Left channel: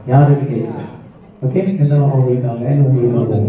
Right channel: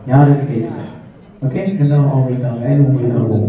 யாருன்னு கேட்கல. ஓகே, என்ன அவங்களுக்காக உங்களுக்காக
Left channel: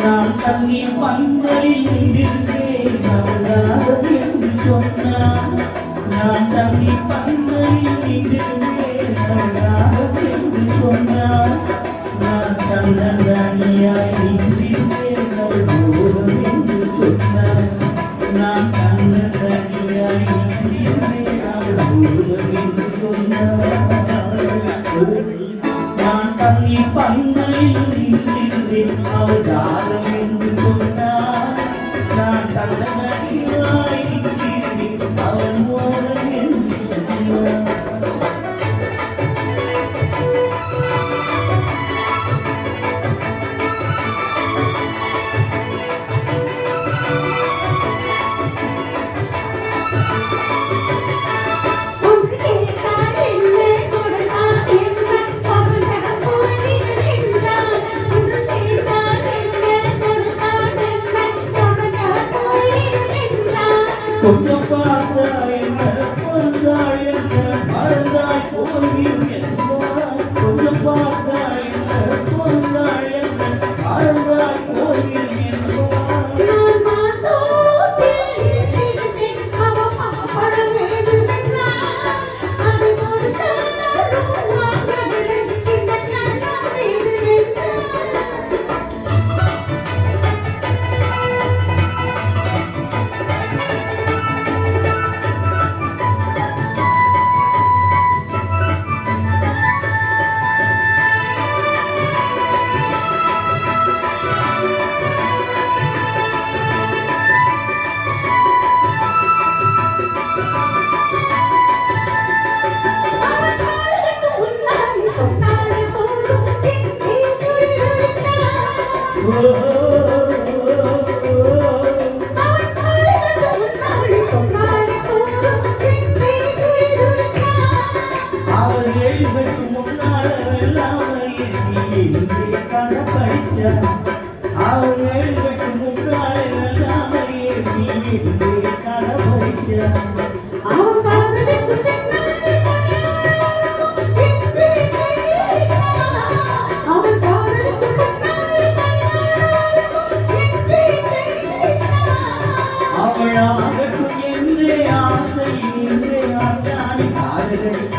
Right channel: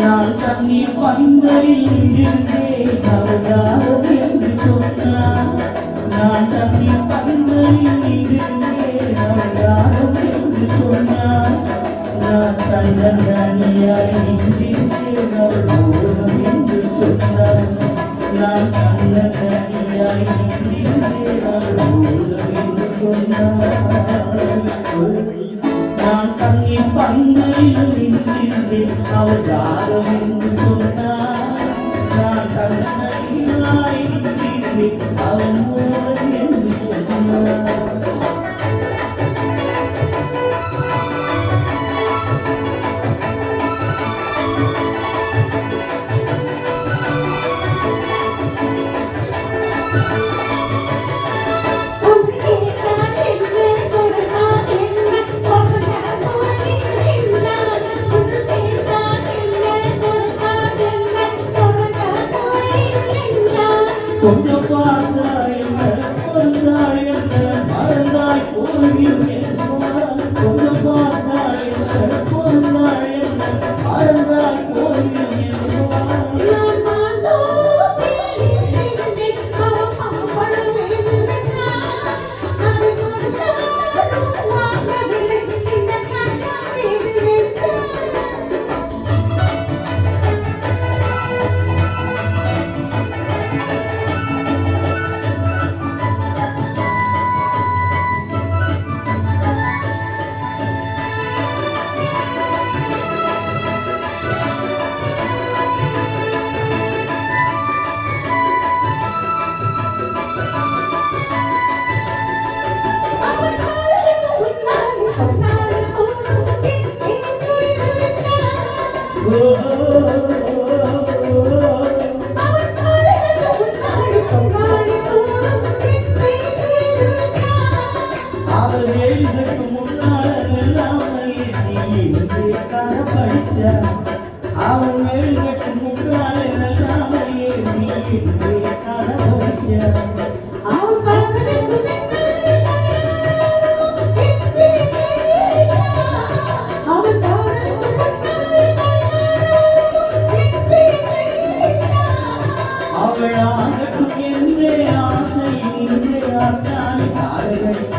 நான் தண்ணீர் பந்தலில் நின்றேன் அவதாரம் என்று சொன்னான். நான் தண்ணீர் பந்தலில் நின்றேன் அவதாரம் என்று சொன்னான். நான் தன்னந்தனியாய் நின்றேன் அவள் போதும் என்று சொன்னான். நான் தன்னந்தனியாய் நின்றேன் அவள் போதும் என்று சொன்னான். நான் தண்ணீர் பந்தலில் நின்றேன் அவதாரம் என்று சொன்னான். நான் தன்னந்தனியாய் நின்றேன் அவள் போதும் என்று சொன்னான். கொஞ்சம் பார்த்தாய் என்ன பொருந்தாய் என்ன மறந்தாய் போயும் என்பார். கொஞ்சம் பார்த்தாய் என்ன பொருந்தாய் என்ன மறந்தாய் போயும் என்பார். அவன் மேல்கட்டு முன்னாலே எல்லாமே அவளாகட்டும் என்றே ஆசை இன்றே ஆட்டாணி பாதகடிக்க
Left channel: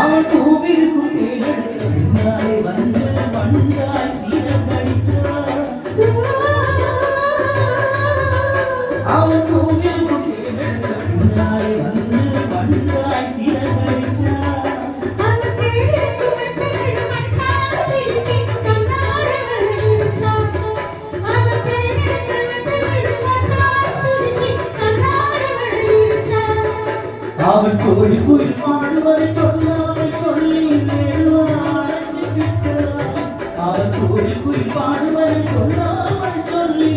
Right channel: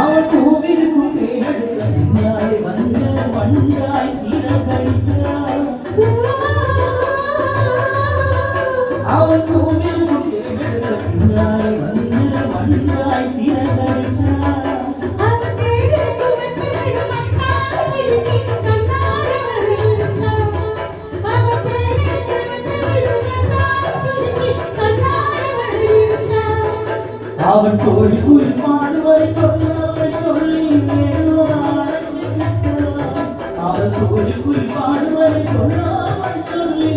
அவன் பூவிற்குள் தேவெடுக்க பின்னாலே வந்து வண்டாய் சீரம் படித்தார். அவன் பூவிற்குள் தேவெடுக்க பின்னாலே வந்து வண்டாய் சீரம் படித்தார். அவன் தோழி குயில் பாடுவதை சொல்லாமல் சொல்லி மேலும் அழைத்து விட்டார். கூலிக்குள் பாடுவதை சொல்லாமல் சொல்லி